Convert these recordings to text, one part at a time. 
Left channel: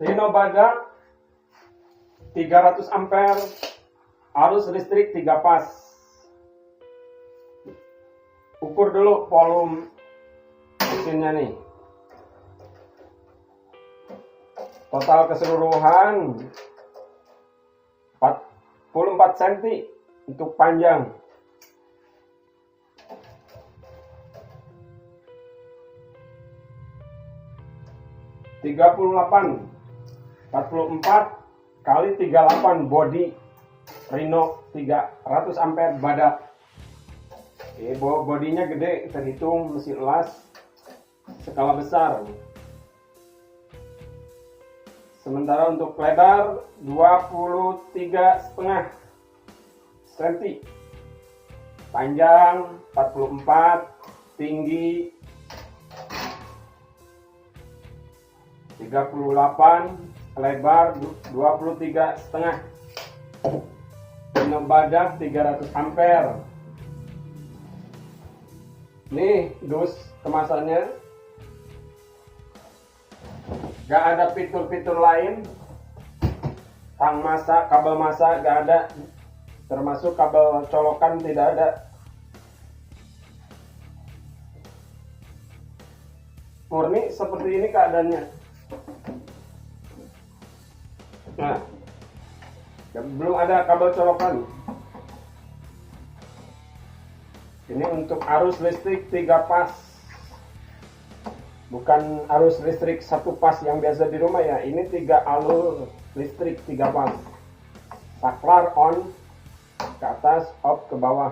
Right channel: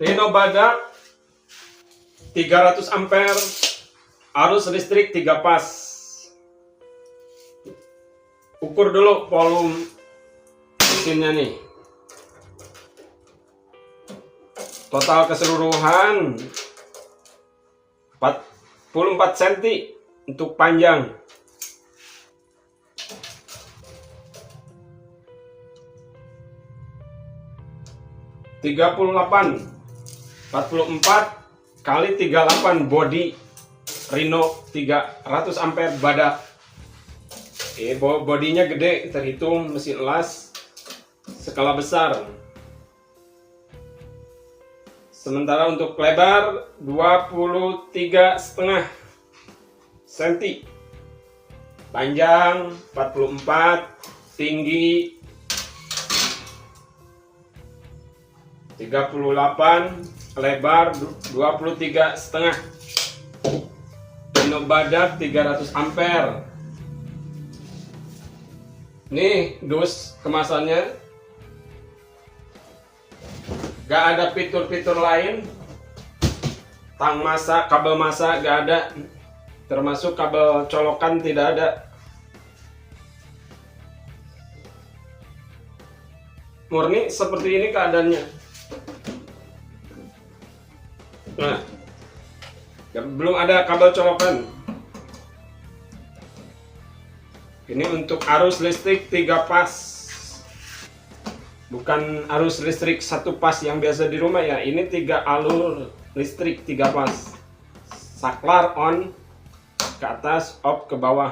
Rhino badak 300 ampere, arus listrik 3 pas. Ukur dulu volume mesinnya nih. Total keseluruhan 44 cm untuk panjang. (38) 44 kali 38 body Rhino 300 ampere badak. Bodinya gede, terhitung mesin las skala besar. Sementara untuk lebar 23,5 cm, panjang 44, tinggi 38, lebar 23,5. Rhino badak 300 ampere. Nih dus kemasannya. Gak ada fitur-fitur lain. Tang masa, kabel masa gak ada. Termasuk kabel colokan tidak ada. Murni seperti ini keadaannya. Nah, belum ada kabel colokan. Ini untuk arus listrik 3 pas. Bukan arus listrik 1 pas yang biasa di rumah ya. Ini 3 alur listrik 3 pas. Saklar on ke atas, off ke bawah.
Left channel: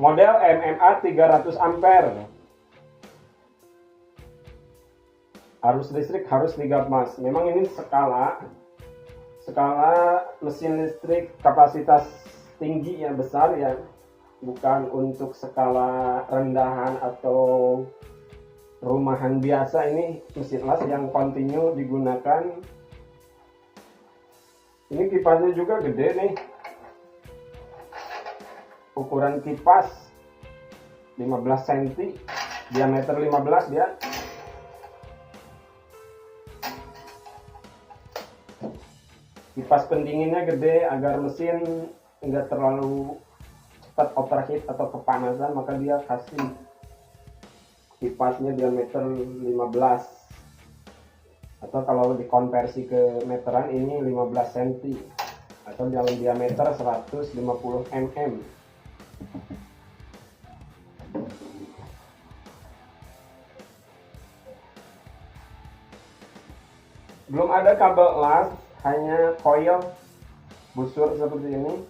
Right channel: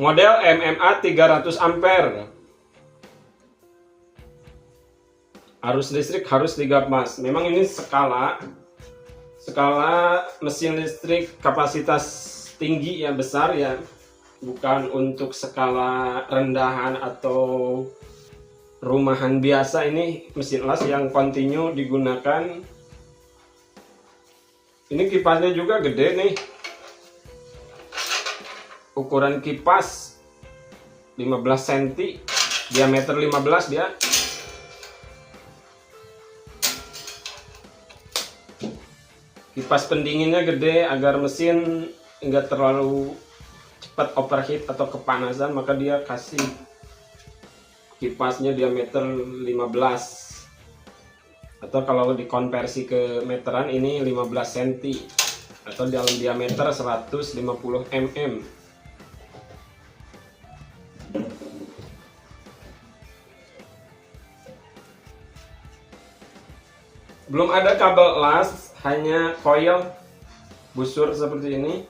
Model MMA 300 ampere. Arus listrik harus 3 pas. Memang ini skala mesin listrik kapasitas tinggi ya, besar ya. Bukan untuk skala rendahan atau rumahan biasa. Ini mesin las yang kontinu digunakan. Ini kipasnya juga gede nih. Ukuran kipas 15 cm, diameter 15 dia. Kipas pendinginnya gede agar mesin enggak terlalu cepat overheat atau kepanasan, maka dia kasih kipasnya diameter 15. Atau kalau dikonversi ke meteran ini 15 cm atau dalam diameter 150 mm. Belum ada kabel las, hanya coil busur seperti ini.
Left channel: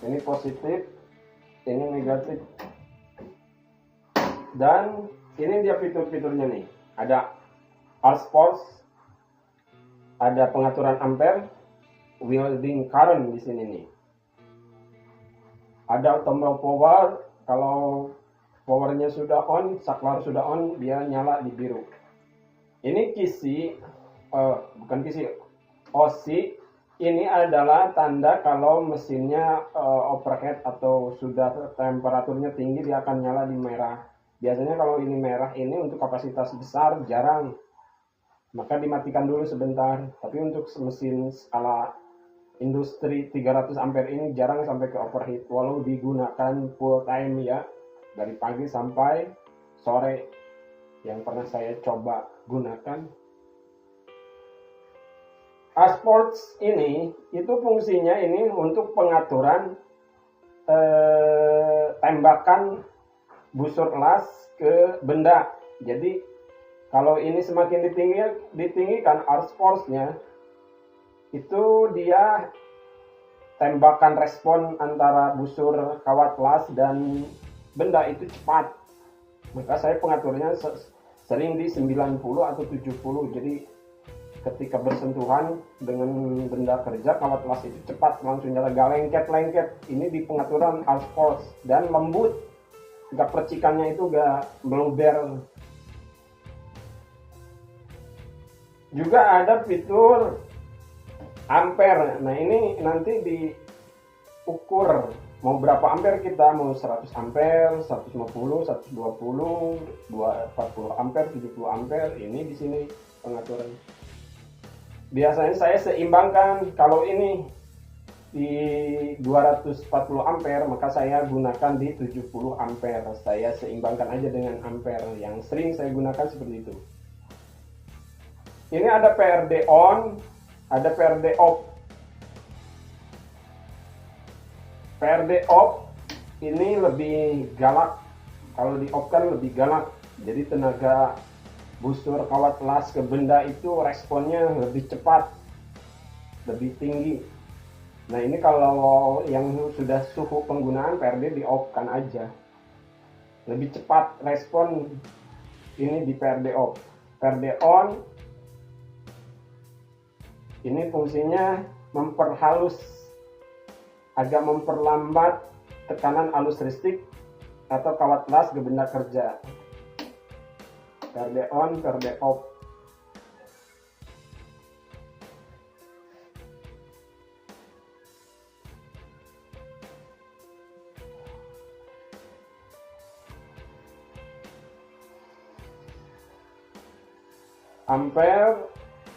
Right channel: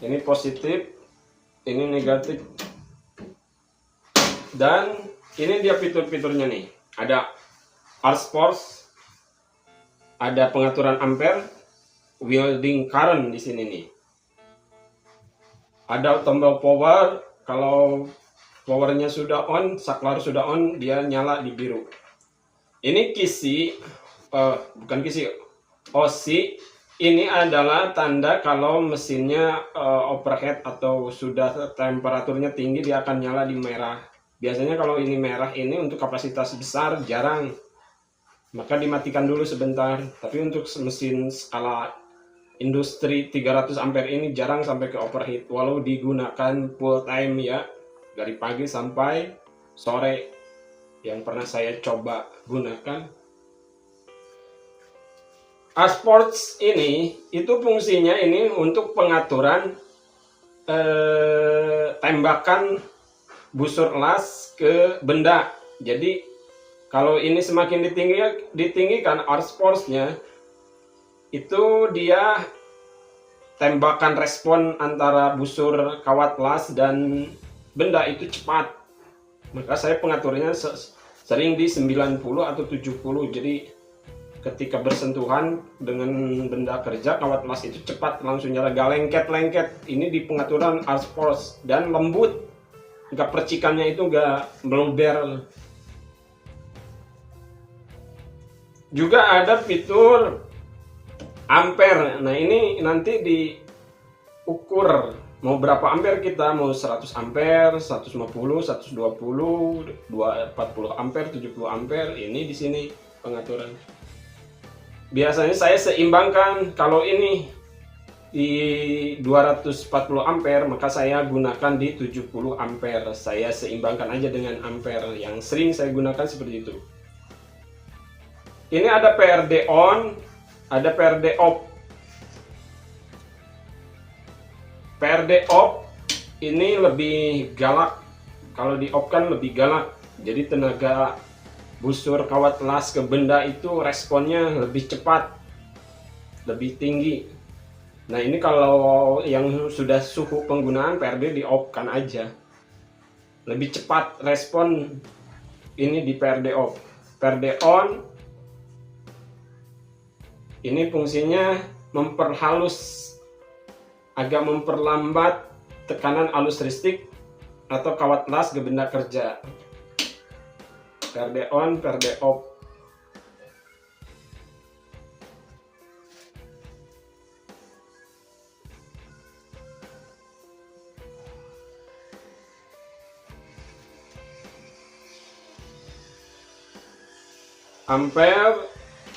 Ini positif, ini negatif. Dan ini dia fitur-fiturnya nih. Ada arus force, ada pengaturan ampere, winding current di sini nih. Ada tombol power, kalau powernya sudah on, saklar sudah on, dia nyala di biru. Ini kisi, bukan kisi, osi. Ini adalah tanda kalau mesinnya overheat atau sudah temperaturnya tinggi, dia akan nyala di merah. Biasanya kalau ini merah ini untuk kapasitas besar jarang, maka dimatikan dulu sebentar. Tapi untuk mesin skala industri 300 ampere ini jarang sampai ke overheat, walau digunakan full time ya, dari pagi sampai sore yang pernah saya coba gunakan. Asports ini itu fungsinya ini untuk pengaturan tembakan busur las ke benda. Jadi kalau ini semakin ditinggikan arus force-nya, itu dia tembakan respon antara busur kawat las dan benda itu cepat. Maka saya pengaturnya sering di 90 atau 70. Jadi ketika bersentuhan dengan benda kerja, kawat las itu cepat langsung nyala, gak lengket. Ini di pengaturan arus force dan lembut, gak percikannya itu gak meluber. Juga ada fitur ampere. Nah ini nanti diukur mau berapa ampere kita, mau 100 ampere, 150, 120, 240 ampere, 70 ampere, ini di sini pengaturan. Biasanya saya seimbangkan, kalau ini di 240 ampere maka saya gunakan di 70 ampere. Saya seimbangkan aja dengan ampere, yang sering saya gunakan seperti itu. Ini ada PRD on, ada PRD off. PRD off ini lebih galak, kalau di off kan lebih galak, jadi tenaga busur kawat las ke benda itu responnya lebih cepat, lebih tinggi. Nah ini kalau yang sudah suhu penggunaan PRD di off kan aja, lebih cepat respon ini di PRD off. PRD on ini fungsinya memperhalus, agak memperlambat tekanan arus listrik atau kawat las ke benda kerja. PRD on, PRD off. Ampere,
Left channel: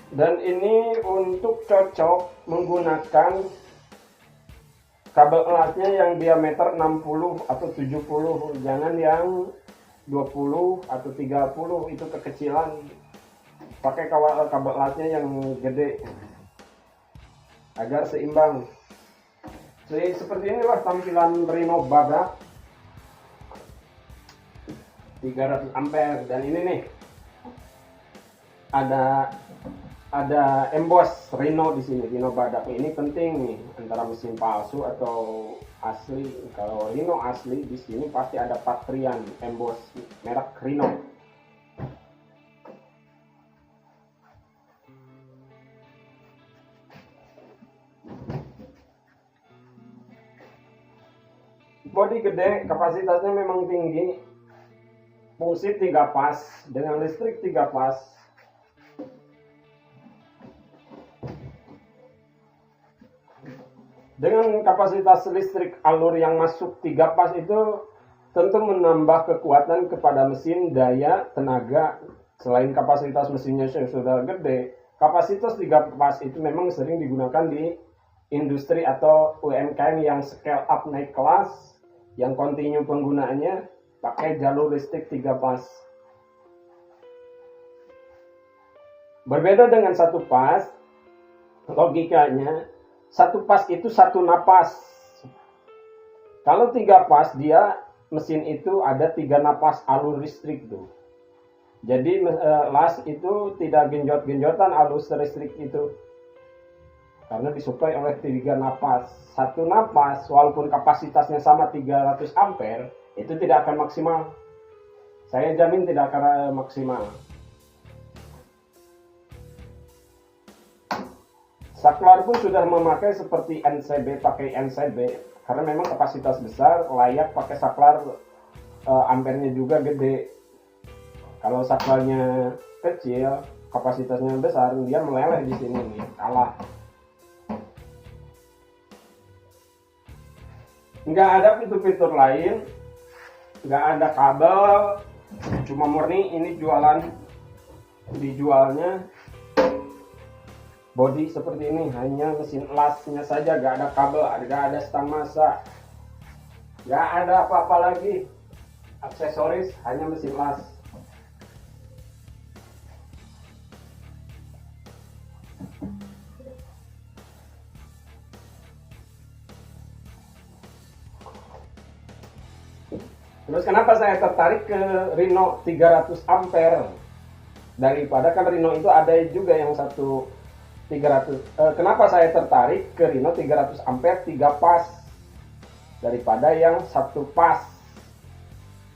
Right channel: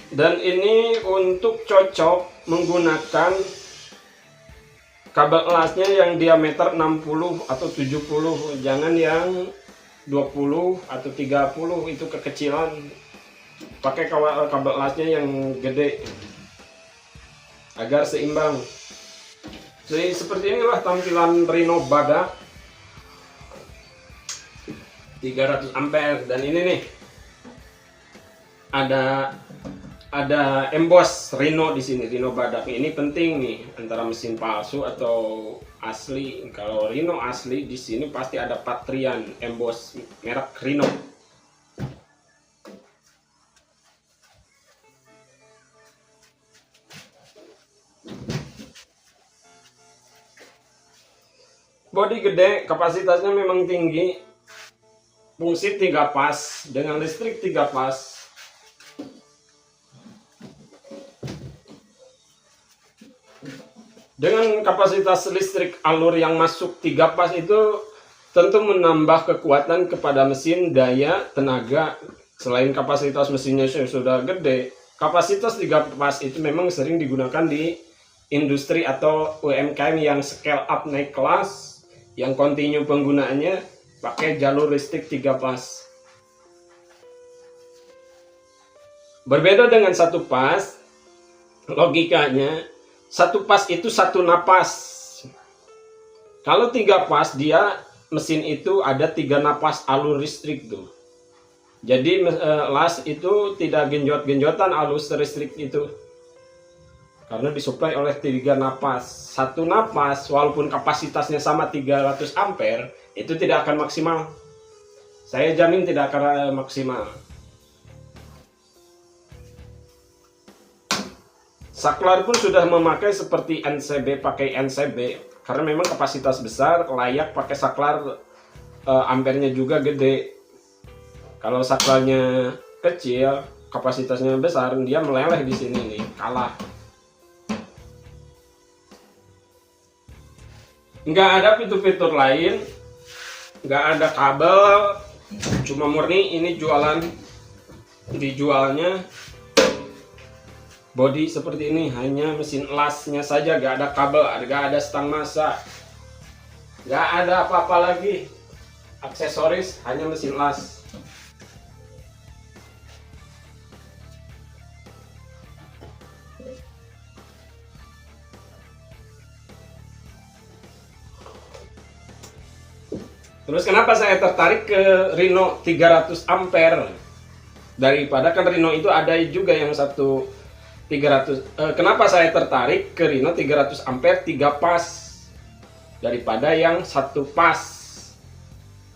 dan ini untuk cocok menggunakan kabel lasnya yang diameter 60 atau 70, jangan yang 20 atau 30, itu kekecilan. Pakai kabel lasnya yang gede agar seimbang. Jadi seperti inilah tampilan Rhino Badak 300 ampere. Dan ini nih ada emboss Rhino di sini, Rhino Badak. Ini penting nih antara mesin palsu atau asli. Kalau Rhino asli di sini pasti ada patrian emboss merek Rhino. Bodi gede, kapasitasnya memang tinggi. Fungsi 3 pas dengan listrik 3 pas. Dengan kapasitas listrik alur yang masuk 3 pas itu tentu menambah kekuatan kepada mesin, daya, tenaga. Selain kapasitas mesinnya sudah gede, kapasitas 3 pas itu memang sering digunakan di industri atau UMKM yang scale up naik kelas, yang kontinu penggunaannya pakai jalur listrik 3 pas. Berbeda dengan 1 pas, logikanya 1 pas itu 1 napas. Kalau 3 pas, dia mesin itu ada 3 napas alur listrik tuh. Jadi las itu tidak genjot-genjotan arus listrik itu, karena disuplai oleh 3 napas. 1 napas walaupun kapasitasnya sama 300 ampere itu tidak akan maksimal. Saya jamin tidak akan maksimal. Saklar pun sudah memakai seperti NCB, pakai NCB karena memang kapasitas besar, layak pakai saklar, ampernya juga gede. Kalau saklarnya kecil, kapasitasnya besar, dia meleleh di sini nih, kalah. Nggak ada fitur-fitur lain, nggak ada kabel, cuma murni ini dijualnya body seperti ini, hanya mesin lasnya saja, gak ada kabel, gak ada stang massa, gak ada apa-apa lagi aksesoris, hanya mesin las. Terus kenapa saya tertarik ke Rhino 300 ampere daripada, kan Rhino itu ada juga yang 300. Kenapa saya tertarik ke Rhino 300 ampere 3 pas daripada yang 1 pas?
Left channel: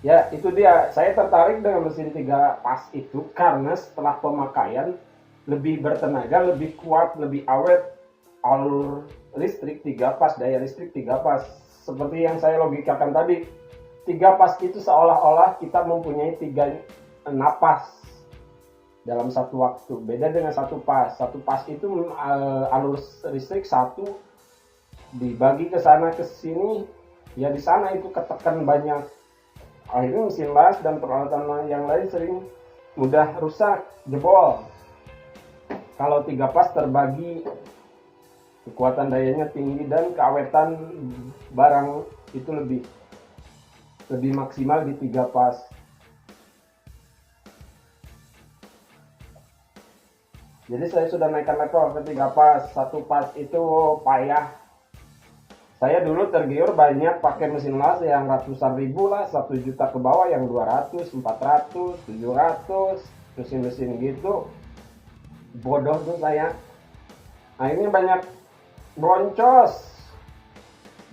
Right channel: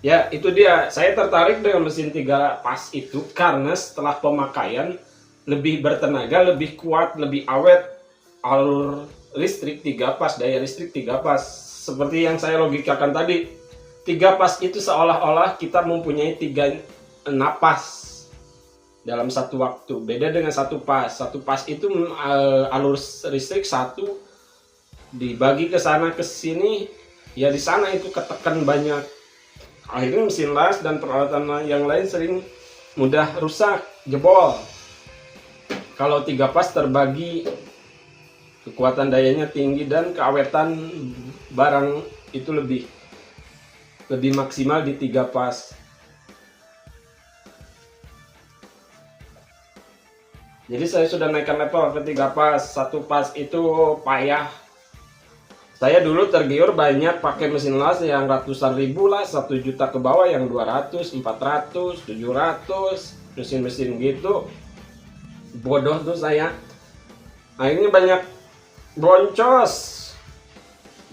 Ya itu dia, saya tertarik dengan mesin 3 pas itu karena setelah pemakaian lebih bertenaga, lebih kuat, lebih awet, alur listrik 3 pas, daya listrik 3 pas. Seperti yang saya logikakan tadi, 3 pas itu seolah-olah kita mempunyai 3 napas dalam satu waktu. Beda dengan 1 pas. 1 pas itu alur listrik 1 dibagi ke sana ke sini ya di sana itu ketekan banyak. Akhirnya mesin las dan peralatan yang lain sering mudah rusak, jebol. Kalau 3 pas terbagi, kekuatan dayanya tinggi dan keawetan barang itu lebih maksimal di 3 pas. Jadi saya sudah naikkan level ke 3 pas. 1 pas itu payah. Saya dulu tergiur banyak pakai mesin las yang ratusan ribu lah, 1 juta ke bawah, yang 200, 400, 700, mesin-mesin gitu. Bodoh tuh saya. Akhirnya banyak boncos,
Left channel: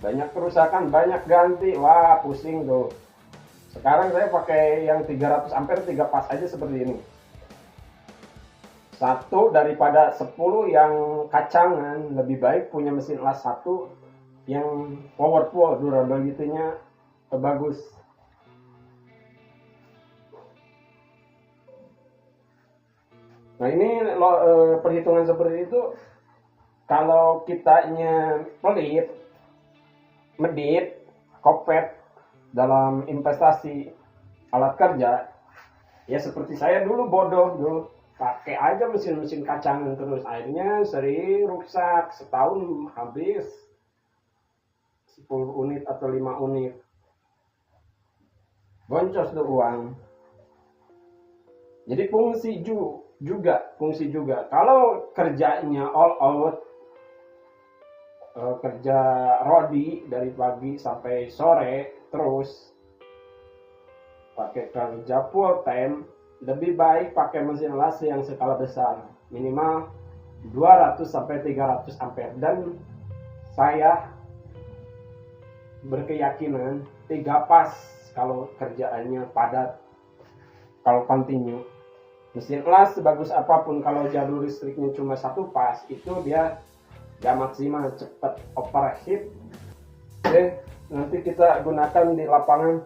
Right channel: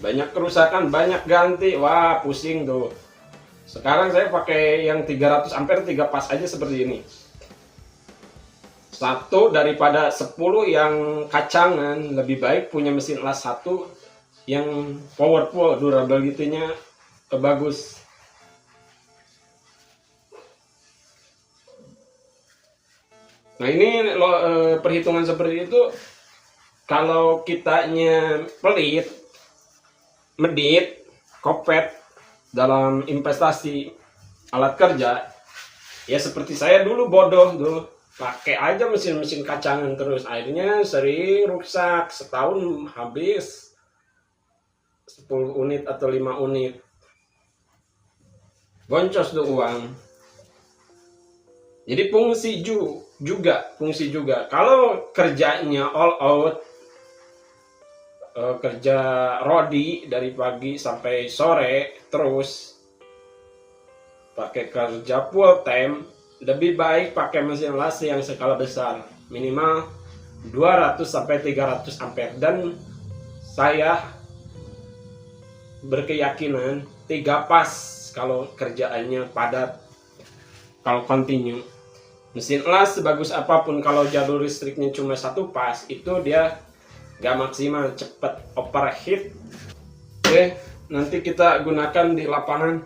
banyak kerusakan, banyak ganti. Wah, pusing tuh. Sekarang saya pakai yang 300 ampere 3 pas aja seperti ini. 1 daripada 10 yang kacangan. Lebih baik punya mesin las 1 yang powerful, durability-nya bagus. Nah ini perhitungan seperti itu, kalau kitanya pelit, medit, kopet dalam investasi alat kerja, ya seperti saya dulu bodoh dulu, pakai aja mesin-mesin kacangan terus, akhirnya sering rusak, setahun habis 10 unit atau 5 unit. Boncos tuh uang. Jadi fungsi juga. Kalau kerjanya all out, kerja rodi dari pagi sampai sore terus, pakai kerja full time, lebih baik pakai mesin las yang skala besar, minimal 200 sampai 300 ampere. Dan saya berkeyakinan 3 pas kalau kerjaannya padat, kalau continue. Mesin las sebagus apapun, kalau jalur listriknya cuma 1 pas, itu dia gak maksimal, cepet overheat. Oke, nanti kita gunakan di lapangan.